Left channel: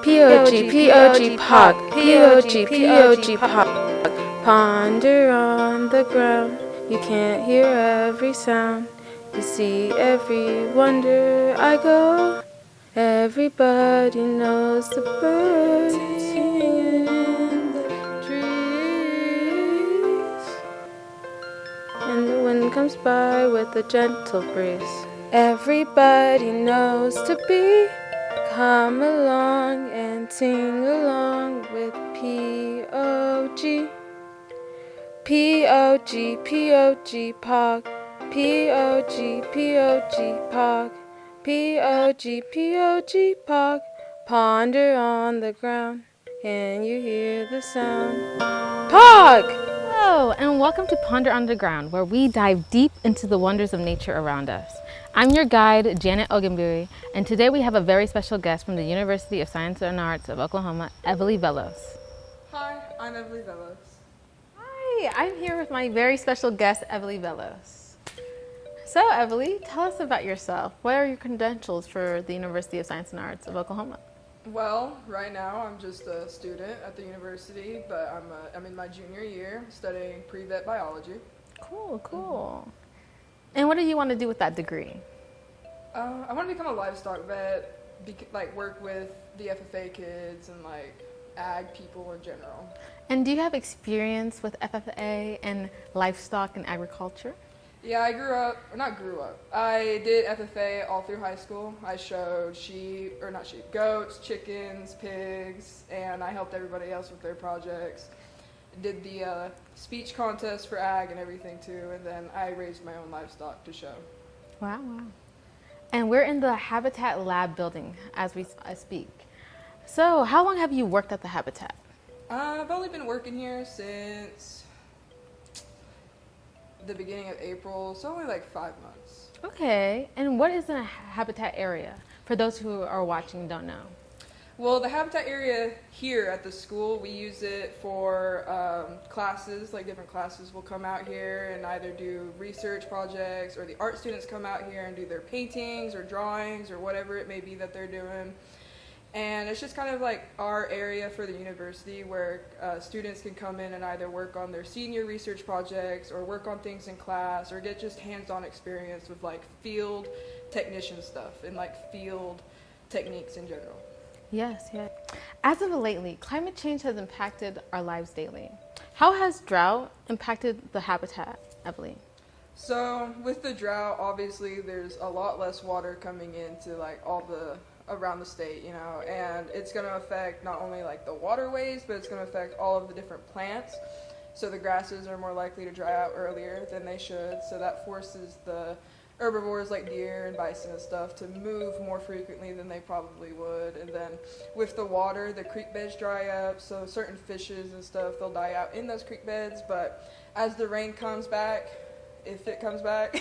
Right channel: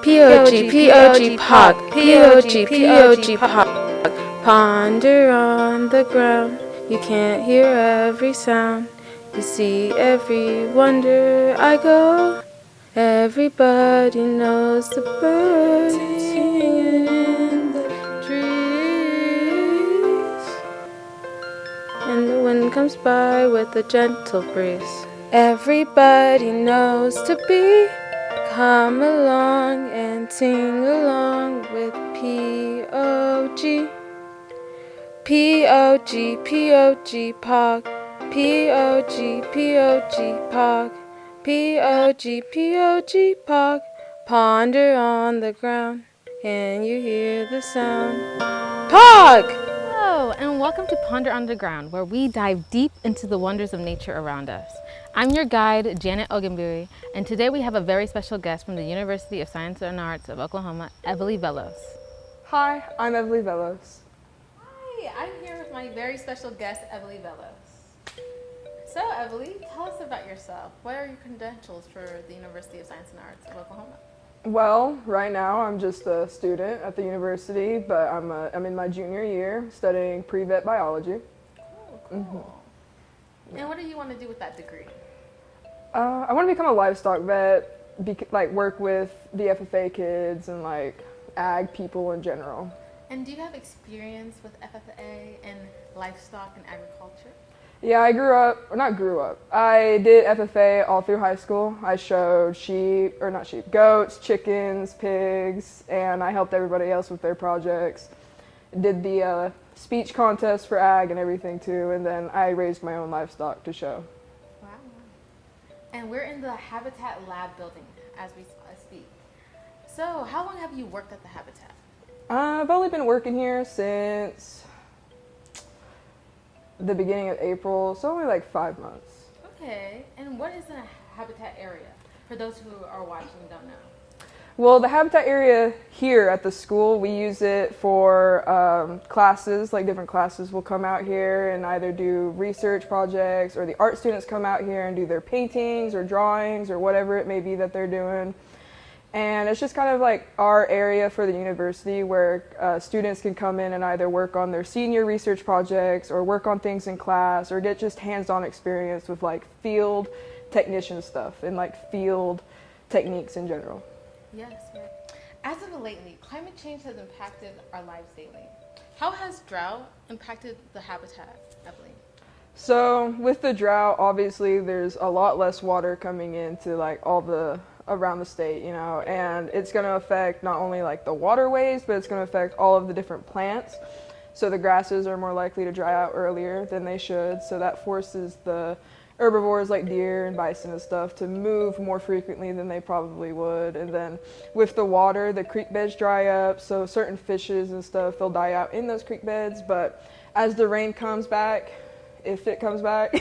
P-O-G, P-O-G, pog. P-O-G, P-O-G, pog. Ponder on the ground. You can't hear every sound. You see every wonder I go. Everybody knows the birds singing in the trees. And the wind comes by with a gentle breeze. Everybody knows to be. Come along and sing along with P-O-G. P-O-G, P-O-G, pog. P-O-G, P-O-G, pog. P-O-G, P-O-G, pog. Ponder on the ground, and you hear the sound. Pog! Hello, and welcome to Ponder on the Ground, where we dive deep into the wonders of nature around us. I'm your guide, Janet Ogungbuyi, and today we have a very special guest from the University of Science and Arts of Oklahoma, Evely Velos. Hi, I'm Evely Velos. Hi, I'm here with my very special guest, Evely Velos. So, Evely, tell us about yourself. What are your credentials for the University of Science and Arts of Oklahoma? Well, right now I'm just a student at the university, but I'm in my junior year studying pre-vet biology. Cool. Mm-hmm. And what do you want to do with that degree? I want to become a livestock vet, work with the FFA kids and ag people in general. And do you have experience with FFA and livestock and agriculture? Yeah, I I did FFA all through high school. I showed goats, chickens, pigs, and I helped everybody else with their projects. Did the speech contest for ag and everything too, and then I raised my own livestock to show. Wow. And we're in the Habitat Lab building as we speak. So how long have you worked at the Habitat? I've only been working here since the beginning of April, so only 5 months. Okay, and what is a habitat area for those who are watching and don't know? Well, the habitat area here at the school, we use it for classes, different classes will come out here and either do research projects, or the art students come out here and do their paintings or drawings or whatever it may be that they're doing. And it's just kind of our area for the university where students can come in and either work on their senior research projects or work on things in class or get just hands-on experience with field technician stuff and field techniques in general. Yes. As of lately, climate change has impacted our lives daily. How has drought impacted the habitat, Evely? So with the drought, obviously there's a lot less water coming into all the around the state, and it's going to affect not only the waterways, but it's going to affect all of the different plants. So the grasses are more likely to dry out earlier than they should, so that forces the herbivores like deer and bison and stuff to move more frequently than they probably would. And then with the water, the creek beds dry up, so certain fishes and stuff, they'll die out in those creek beds. But as the rain comes back, if it comes back,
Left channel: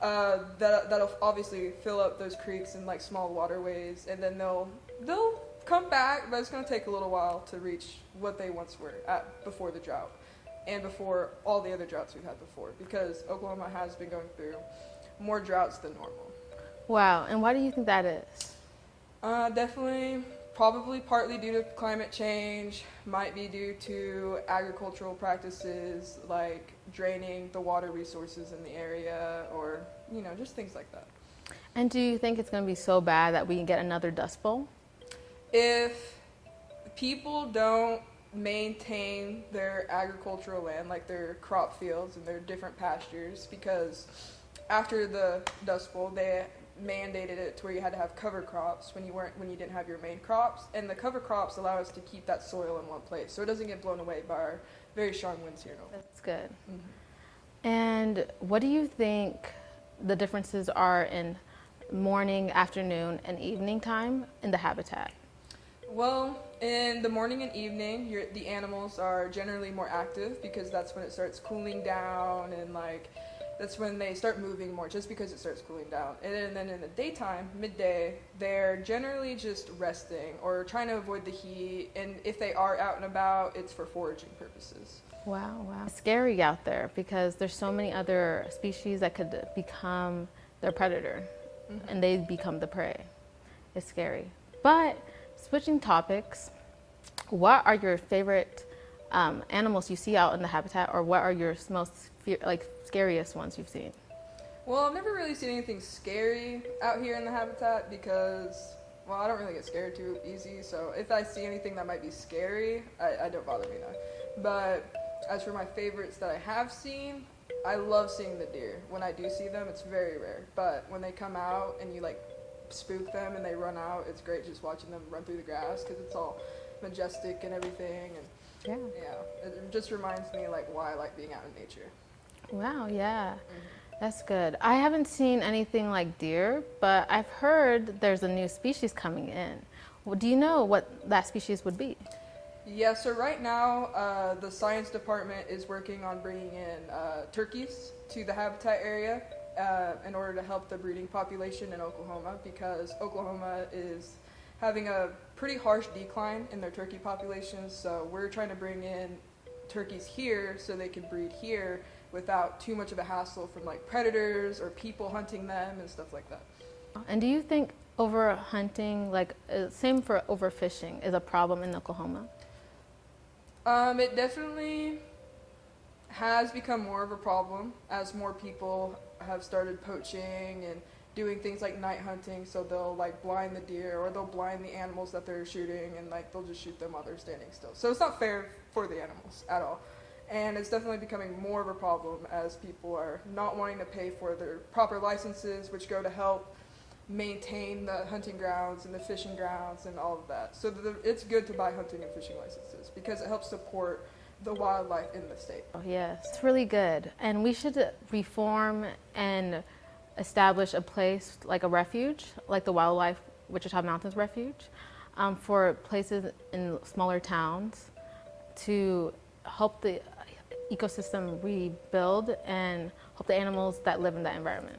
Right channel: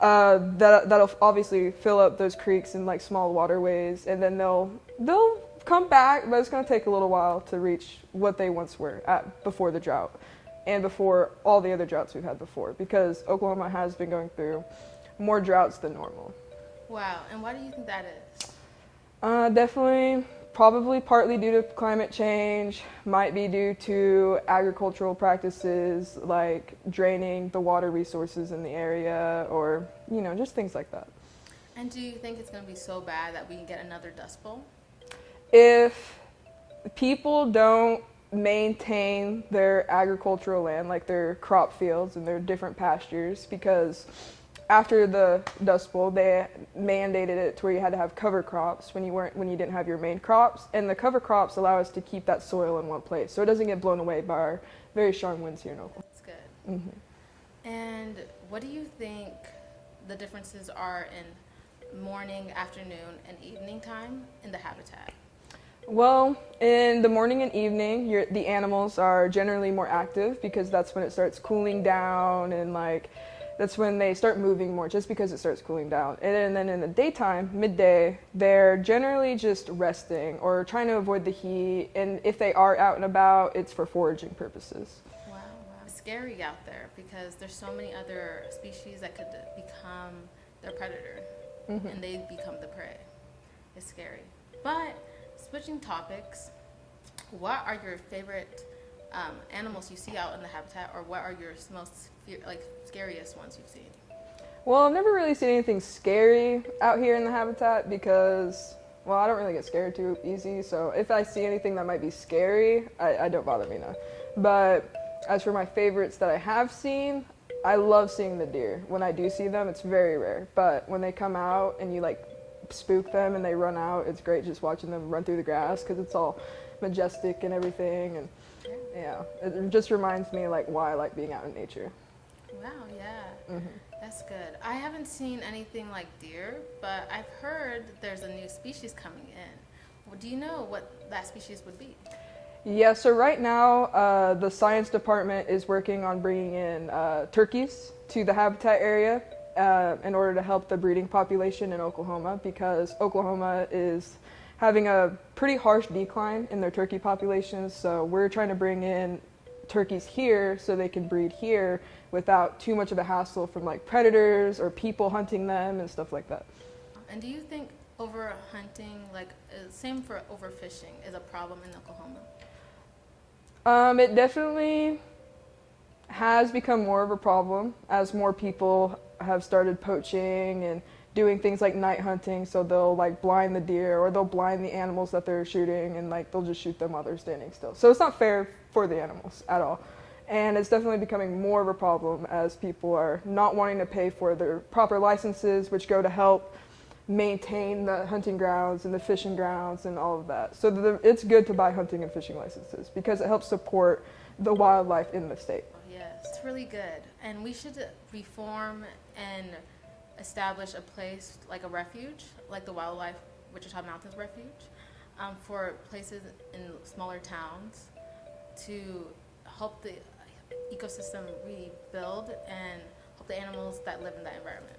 that'll obviously fill up those creeks and small waterways, and then they'll come back, but it's going to take a little while to reach what they once were at before the drought and before all the other droughts we've had before, because Oklahoma has been going through more droughts than normal. Wow, and why do you think that is? Definitely, probably partly due to climate change, might be due to agricultural practices like draining the water resources in the area, or just things like that. And do you think it's going to be so bad that we can get another Dust Bowl? If people don't maintain their agricultural land, their crop fields and their different pastures, because after the Dust Bowl, they mandated it to where you had to have cover crops when you didn't have your main crops, and the cover crops allow us to keep that soil in one place, so it doesn't get blown away by our very strong winds here in Oklahoma. That's good. Mm-hmm. And what do you think the differences are in morning, afternoon, and evening time in the habitat? Well, in the morning and evening, the animals are generally more active because that's when it starts cooling down, and that's when they start moving more, just because it starts cooling down. And then in the daytime, midday, they're generally just resting or trying to avoid the heat. And if they are out and about, it's for foraging purposes. Wow. It's scary out there because there's so many other species that could become their predator, mm-hmm. and they become the prey. It's scary. But Switching topics, what are your favorite animals you see out in the habitat, or what are your most scariest ones you've seen? Well, I've never really seen anything scary out here in the habitat because, well, I don't really get scared too easy. So if I see anything that might be scary, I don't bother me, no. But as for my favorites that I have seen, I love seeing the deer. When I do see them, it's very rare. But when they come out and you like spook them and they run out, it's great just watching them run through the grass because it's all majestic and everything. And yeah, it just reminds me like why I like being out in nature. Wow, yeah. That's good. I haven't seen anything like deer, but I've heard there's a new species coming in. Well, do you know what that species would be? Yeah, so right now the science department is working on bringing in turkeys to the habitat area in order to help the breeding population in Oklahoma, because Oklahoma is having a pretty harsh decline in their turkey populations. So we're trying to bring in turkeys here so they can breed here without too much of a hassle from like predators or people hunting them and stuff like that. And do you think overhunting, same for overfishing, is a problem in Oklahoma? It definitely has become more of a problem as more people have started poaching and doing things like night hunting. So they'll like blind the deer or they'll blind the animals that they're shooting, and like they'll just shoot them while they're standing still. So it's not fair for the animals at all. And it's definitely becoming more of a problem as people are not wanting to pay for their proper licenses, which go to help maintain the hunting grounds and the fishing grounds and all of that. So it's good to buy hunting and fishing licenses because it helps support the wildlife in the state. Oh, yes, it's really good. And we should reform and establish a place like a refuge, like the Wildlife Wichita Mountains Refuge, for places in smaller towns to help the ecosystem rebuild and help the animals that live in that environment.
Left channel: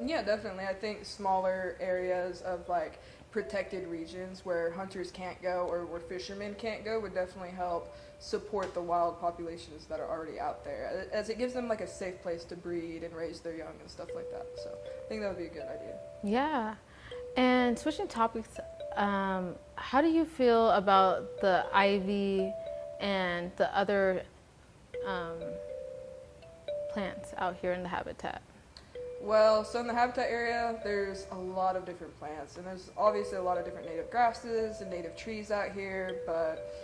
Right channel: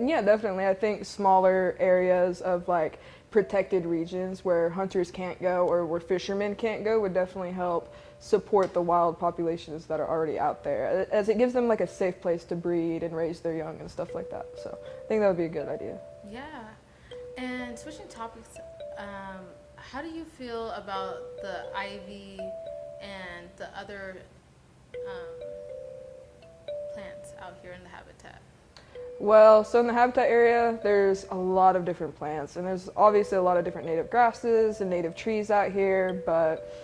Yeah, definitely. I think smaller areas of like protected regions where hunters can't go or where fishermen can't go would definitely help support the wild populations that are already out there, as it gives them like a safe place to breed and raise their young and stuff like that. So I think that would be a good idea. Yeah. And switching topics, how do you feel about the ivy and the other plants out here in the habitat? Well, so in the habitat area, there's a lot of different plants, and there's obviously a lot of different native grasses and native trees out here, but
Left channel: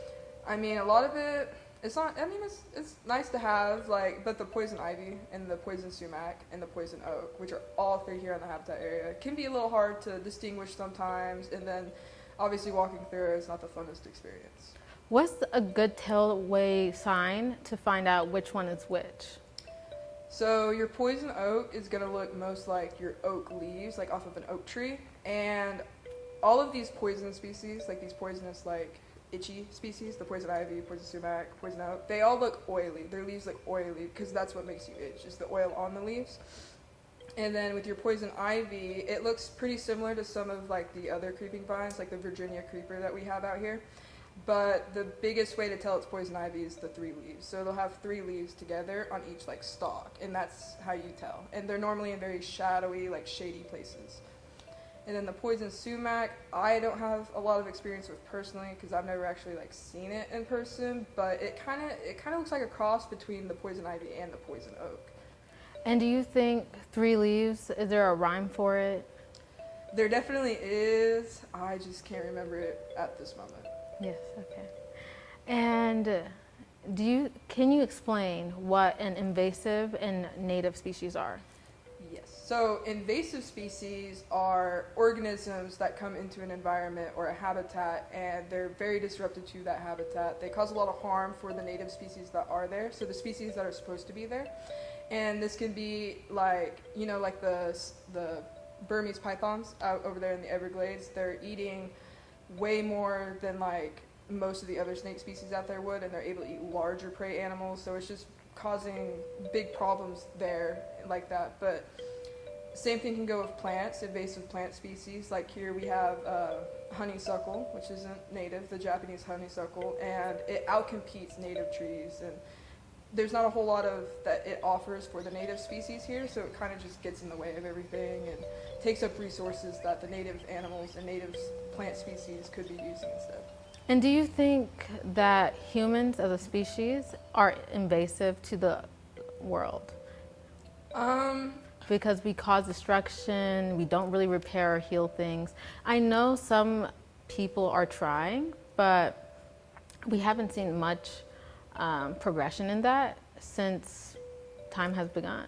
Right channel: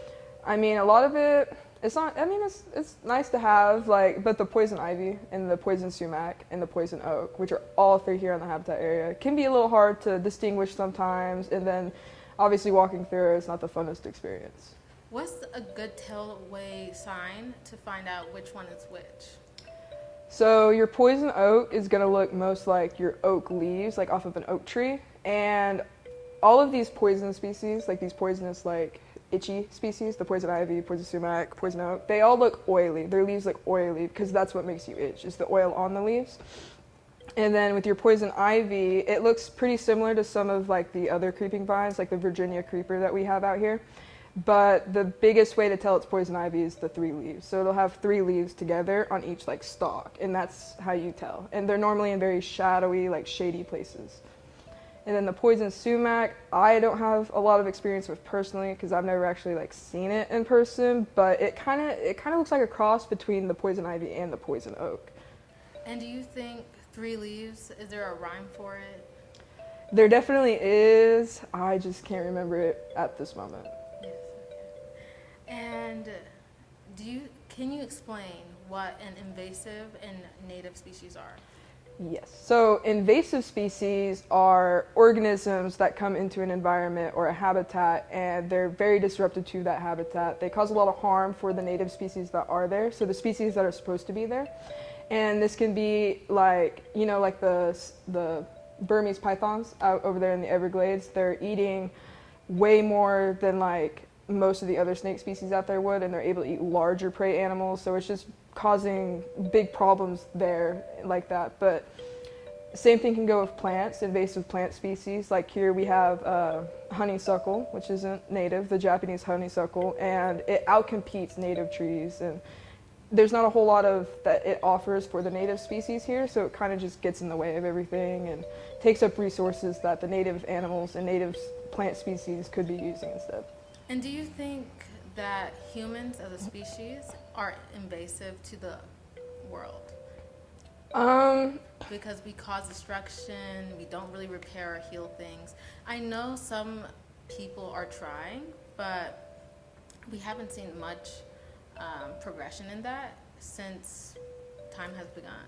I mean, a lot of it, it's not, I mean, it's nice to have, like, but the poison ivy and the poison sumac and the poison oak, which are all three here in the habitat area, can be a little hard to distinguish sometimes, and then obviously walking through it is not the funnest experience. What's a good tailway sign to find out which one is which? So your poison oak is going to look most like your oak leaves, like off of an oak tree. And all of these poison species, like these poisonous, like itchy species, the poison ivy, poison sumac, poison oak, they all look oily. Their leaves look oily because that's what makes you itch, is the oil on the leaves. And then with your poison ivy, it looks pretty similar to some of like the other creeping vines, like the Virginia creeper that we have out here. But the biggest way to tell it's poison ivy is the three leaves. So it'll have three leaves together on each like stalk, and that's how you tell. And they're normally in very shadowy, like shady places. And then the poison sumac, I don't have a lot of experience with personally because I've never actually like seen it in person, but it kind of looks like a cross between the poison ivy and the poison oak. And do you think three leaves, is there a rhyme for it? There definitely is. I just can't remember it at this moment. Yes, okay. And can you explain what an invasive and native species are? Yes. So invasive species are organisms that come into an environment or a habitat, and they're very disruptive to that habitat. They cause a lot of harm for the native species that are there, so the species that are supposed to be there. And this can be like, you know, like the Burmese pythons out over there in the Everglades. They're eating way more than like most of the other snake species out there would, and they're able to eat larger prey animals, so it's just causing big problems there like that. But same thing can go with plants, invasive plant species. Like here we have honeysuckle, which isn't native, the Japanese honeysuckle, and it outcompetes native trees, and there's not a whole lot of that it offers for the native species here, so it kind of just gets in the way of everything and takes up resources that the native animals and native plant species could be using instead. And do you think that humans as a species are invasive to the world? Because we cause destruction, we don't really repair or heal things. I know some people are trying, but we haven't seen much progression in that since time has begun.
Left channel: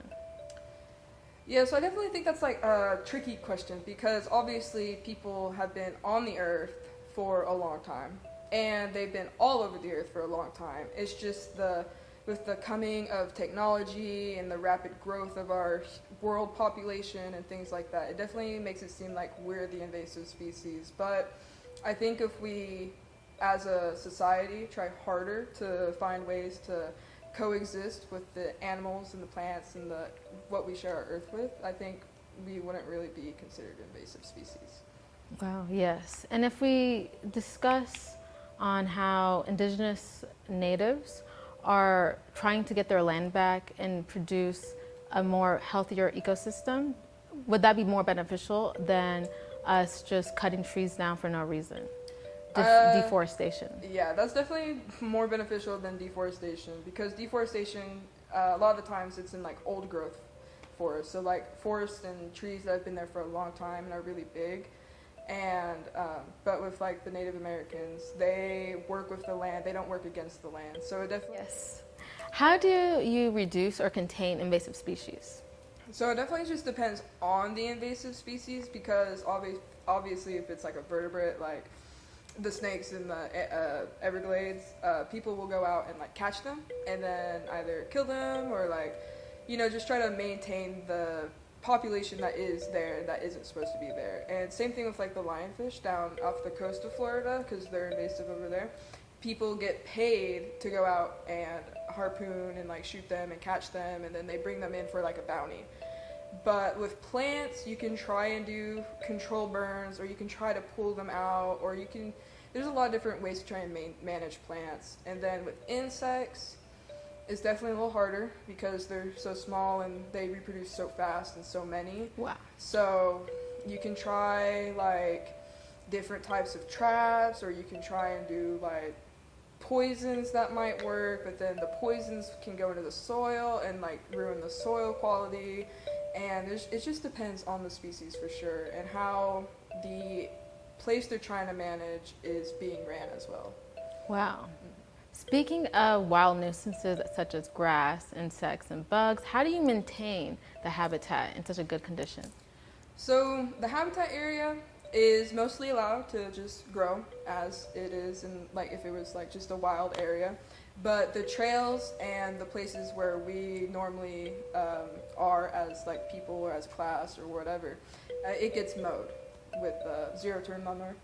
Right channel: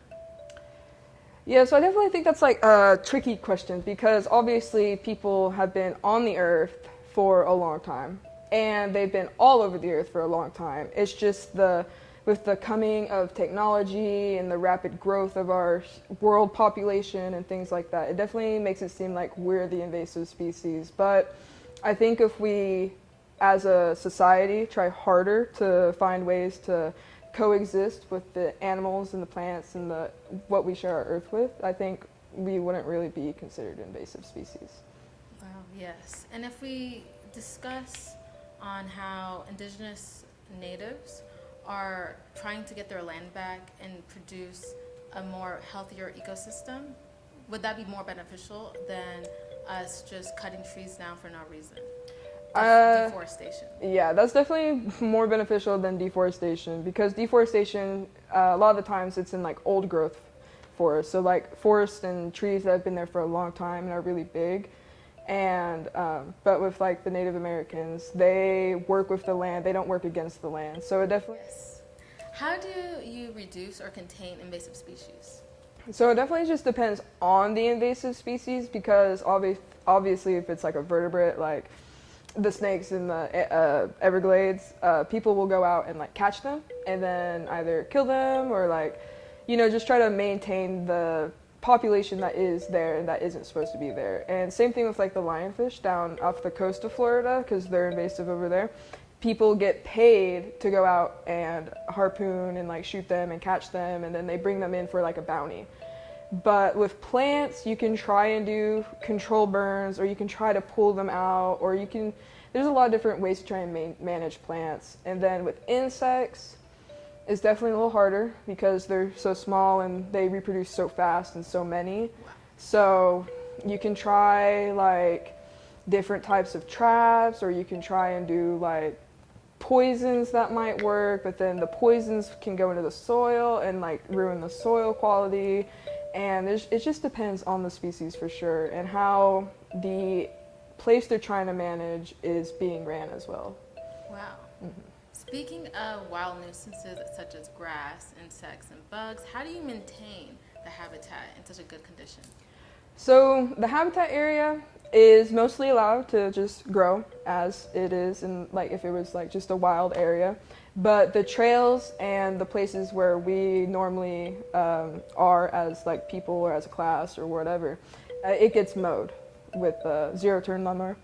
Yeah, so I definitely think that's like a tricky question because obviously people have been on the earth for a long time and they've been all over the earth for a long time. It's just with the coming of technology and the rapid growth of our world population and things like that, it definitely makes it seem like we're the invasive species. But I think if we, as a society, try harder to find ways to coexist with the animals and the plants and what we share our earth with, I think we wouldn't really be considered invasive species. Wow, yes. And if we discuss on how indigenous natives are trying to get their land back and produce a more healthier ecosystem, would that be more beneficial than us just cutting trees down for no reason? Deforestation. Yeah, that's definitely more beneficial than deforestation because deforestation, a lot of the times it's in like old growth forests. So like forests and trees that have been there for a long time and are really big. And but with like the Native Americans, they work with the land, they don't work against the land. So it definitely. Yes. How do you reduce or contain invasive species? So it definitely just depends on the invasive species because obviously if it's like a vertebrate, like the snakes in the Everglades, people will go out and like catch them and then either kill them or like, just try to maintain the population that is there and that isn't supposed to be there. And same thing with like the lionfish down off the coast of Florida because they're invasive over there. People get paid to go out and harpoon and like shoot them and catch them and then they bring them in for like a bounty. But with plants, you can try and do control burns or you can try to pull them out or there's a lot of different ways to try and manage plants. And then with insects, it's definitely a little harder because they're so small and they reproduce so fast and so many. Wow. So you can try like different types of traps or you can try and do like poisons that might work, but then the poisons can go into the soil and like ruin the soil quality. And it just depends on the species for sure and how the place they're trying to manage is being ran as well. Wow. Mm-hmm. Speaking of wild nuisances such as grass, insects, and bugs, how do you maintain the habitat in such a good condition? So the habitat area is mostly allowed to just grow as it is and like if it was like just a wild area. But the trails and the places where we normally are as like people or as a class or whatever, it gets mowed with a zero-turn lawnmower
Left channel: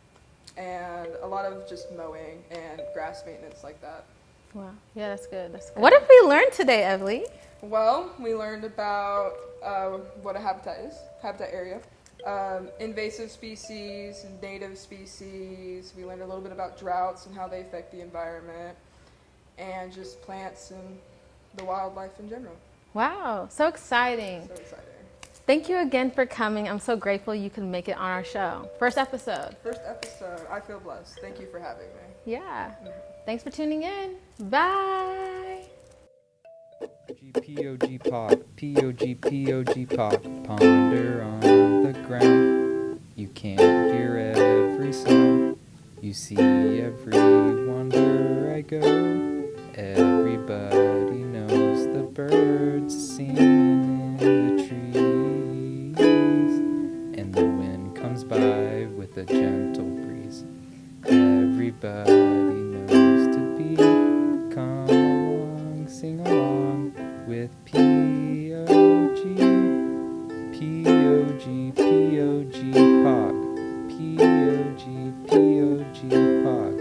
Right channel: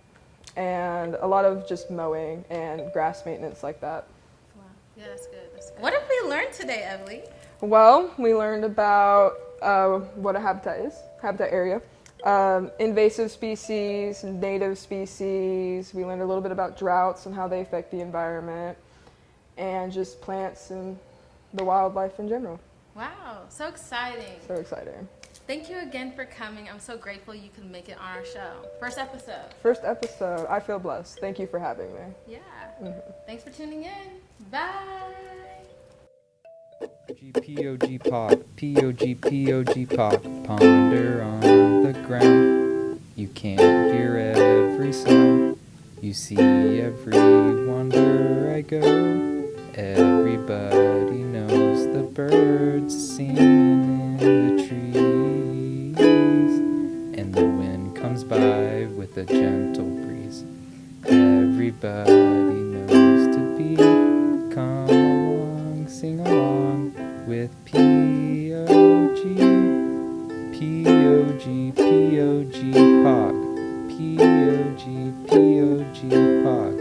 and a lot of just mowing and grass maintenance like that. Wow. Yeah, that's good. That's good. What did we learn today, Evely? Well, we learned about what a habitat is, habitat area, invasive species, native species. We learned a little bit about droughts and how they affect the environment, and just plants and the wildlife in general. Wow, so exciting. So exciting. Thank you again for coming. I'm so grateful you could make it on our show. First episode. I feel blessed. Thank you for having me. Yeah. Mm-hmm. Thanks for tuning in. Bye. P-O-G pop, P-O-G, P-O-G pop. Ponder on the ground. You can't hear every sound. You see every wonder I go. Everybody knows the birds singing in the trees, and the wind comes by with a gentle breeze. Everybody knows to be. Come along, sing along with P-O-G, P-O-G, P-O-G, Pog, P-O-G, P-O-G, Pog.